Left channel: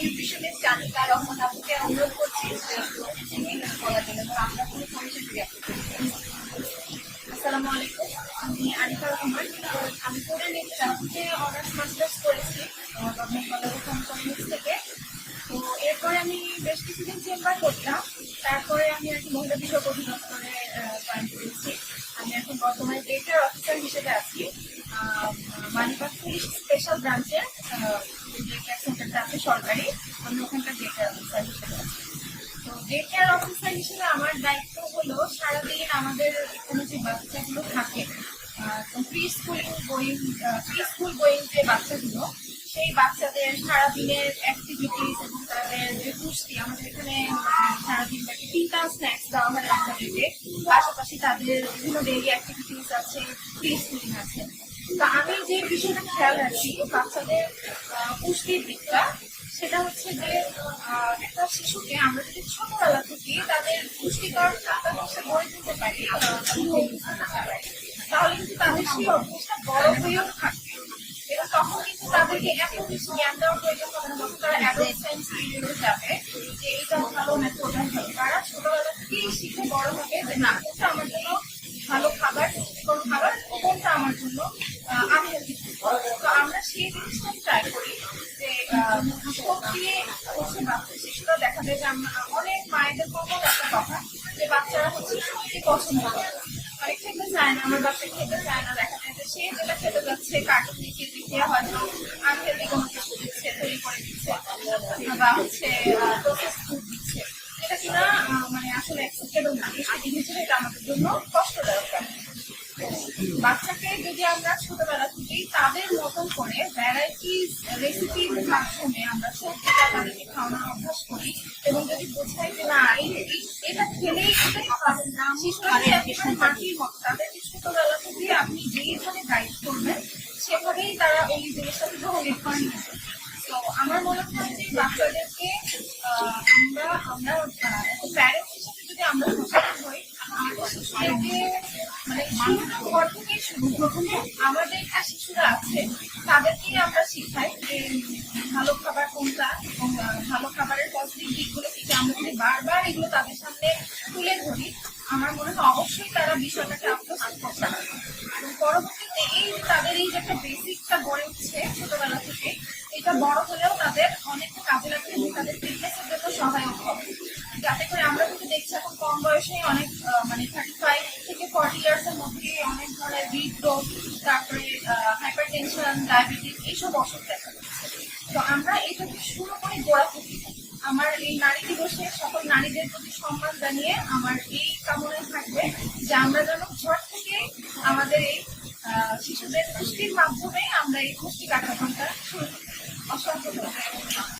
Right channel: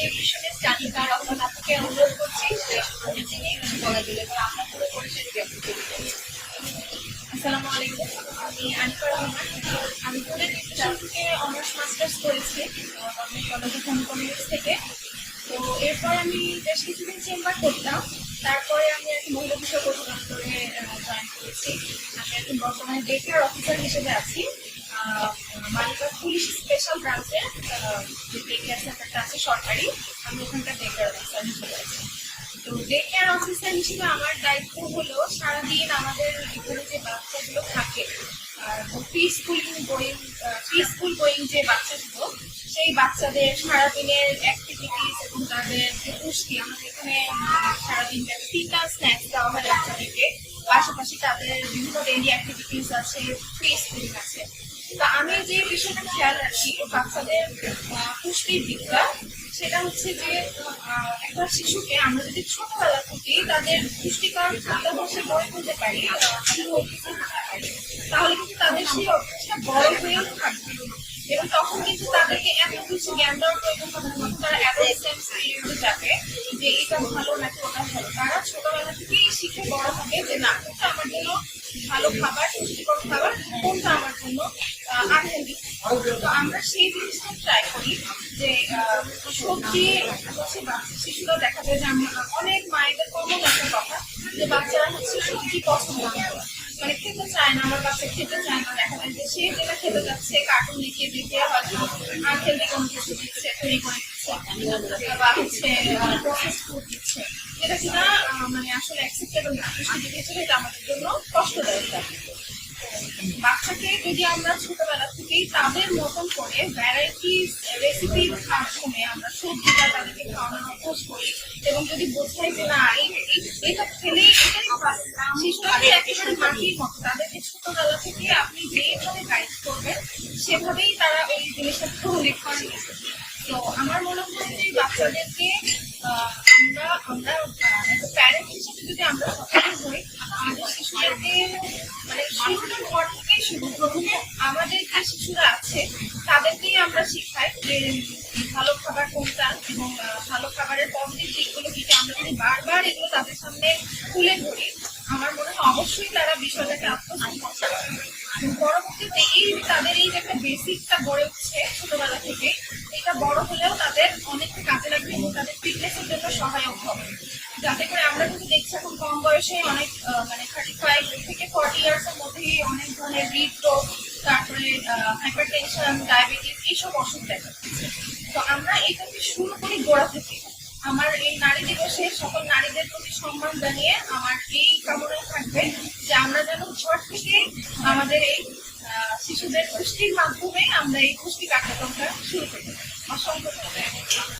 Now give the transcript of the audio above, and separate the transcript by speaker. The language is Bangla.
Speaker 1: নিউট্রিশনিস্ট জানিকা রহমান অনুরোধ করছি যে তিনি কিছু বলার জন্য আপনার পুরো পরিচয় যদি
Speaker 2: আসসালামু আলাইকুম, আমি আনিকা রহমান। আমি অ্যান্ড নিউট্রিশন থেকে অনার্স মাস্টার্স করেছি গভর্নমেন্ট কলেজ অফ হোম থেকে। তো এরপর আমি বেশ কিছুদিন চেম্বার করতাম, তারপরে আমি আর কি মহিলা বিষয়ক অধিদপ্তরে জয়েন করেছি। আমি এখন বর্তমানে ডেটার অফিসার হিসেবে আছি। মালিবাগ পুলিশ স্পেশাল ব্রাঞ্চের যে ডে কেয়ার সেন্টারটা আছে সরকারি, আমি ওখানকার ডেটার অফিসার হিসেবে আছি। তো ডে কেয়ার অফিসার হিসেবে আমার দায়িত্ব হলো সারাদিন আমাদের এখানে যে বাচ্চাগুলো থাকে pre schooling going pre school going যে বাচ্চাগুলো, সেই বাচ্চাদের সারাদিনের অ্যাক্টিভিটিস এবং তাদের যে পুষ্টি, আমাদের এখানে সারাদিন ব্যাপী তিনটা স্ন্যাক্স দেওয়া হয় বাচ্চাদেরকে। পাশাপাশি তাদের বিভিন্ন ডেইলি অ্যাক্টিভিটিস আছে প্রি স্কুলিং আছে। তো আমি যে বিষয়টা খেয়াল রাখি, বাচ্চাদের দিকটা, সেটা হচ্ছে যে একটা শিশুকে আমরা যদি ছোটবেলা থেকে তাদের পুষ্টিকর খাদ্যাভ্যাসে গড়ে তুলতে পারি তাহলে কিন্তু তাদের সেই অভ্যাসটা বড় হয়েও থাকবে। এবং তখন কিন্তু তাদেরকে এত কিছু জ্ঞান দেওয়ার প্রয়োজন হবে না, তখন তারা অ্যাডোলসেন্স পিরিয়ডে যাবে যে এটা ভালো নাকি ওটা ভালো? তারা ছোটবেলা থেকেই শিখে বড় হবে যে, না, কোনটা আমার জন্য ভালো খাবার, পুষ্টিকর খাবার, কোনটা আমার জন্য আনহেলদি তো আমরা সেই জিনিসটা ট্রাই করি যে সবজি হচ্ছে বাচ্চা শিশুরা দেখা যায় যে আমরা অনেক মায়েদের কমন একটা কথা যে বাচ্চারা হচ্ছে সবজি পছন্দ করে। মানে খেতে চায় না, আমার বাচ্চা খেতে চায় না, দেখা যায় যে সে যেটা খেতে যাচ্ছে কার্টুন দেখিয়ে দেখিয়ে হয়তো আনহেলদি কোনো কিছু দিচ্ছে, তৈরি করে দিচ্ছে, বা হচ্ছে প্রসেস ফুড দিচ্ছে এটা কিনা মানে আসলে অ্যাকসেপ্টেবল না পুষ্টিবিদ হিসেবে এটা আমাদের জন্য কষ্টদায়ক ব্যাপার। বাচ্চাকে যদি আমরা ছোটবেলা থেকেই তাদের মতন করে ভ্যারাইটিস রেসিপির মাধ্যমে আমরা সবজিটা তাদেরকে খাওয়ানোর অভ্যাস করি এবং যদি বোঝাই যে না এটা খেলেই এটাই শিশুরা একেবারে মাটির মতো। তাদেরকে ছোটবেলা থেকে আপনি যেইভাবে গাইড করবেন সেভাবেই তারা ওই জিনিসটা গ্রহণ করছে তো আমার মনে হয় যে বাচ্চাদেরকে আমরা আমরা একটা প্যারেন্ট হিসেবে যদি আমরা সচেতন হই আমাদের শিশুদেরকে আমাদের যে শিশুরা আছে, তাদেরকেই আমরা শিখাই যে ভালো খাবার কোনটা এবং ভালো খাবারের পজিটিভ দিকগুলো কি আমরা যদি বারবার এগুলো তাদের সামনে তুলে ধরি, আমার মনে হয় অবশ্যই তারা বিষয়টাকে আত্মস্থ করতে এবং পরবর্তীতে এই তাদের এই যে একটা বেসিকটা গড়ে উঠছে ছোটবেলা থেকে, এটা বড় হলেও তাদের অনেকটা কাজে লাগবে এবং তাদের ফিটনেসের জন্য সহায়ক হবে। যাতে করে আমরা কিন্তু দেখছি এখন কম বয়সে অনেক মানে থার্টি থেকে ফর্টি ইয়ার্স এর মধ্যেই অনেক ধরনের হৃদরোগ তারপরে হাইপার টেনশন ডায়াবেটিস এইসব অসুখ দেখা যাচ্ছে তো আমরা এটাকে শুরু করি গোড়া থেকে। আমার এই নারী দিবসে সকল নারীদের প্রতি সম্মান জানিয়ে আমার এই কামনায় থাকবে যে আমরা যেন ঘর থেকে আমাদের এই শিশুদের পুষ্টির মাধ্যমে আমরা এই পুষ্টি কার্যক্রমটা শুরু করতে পারি। অসংখ্য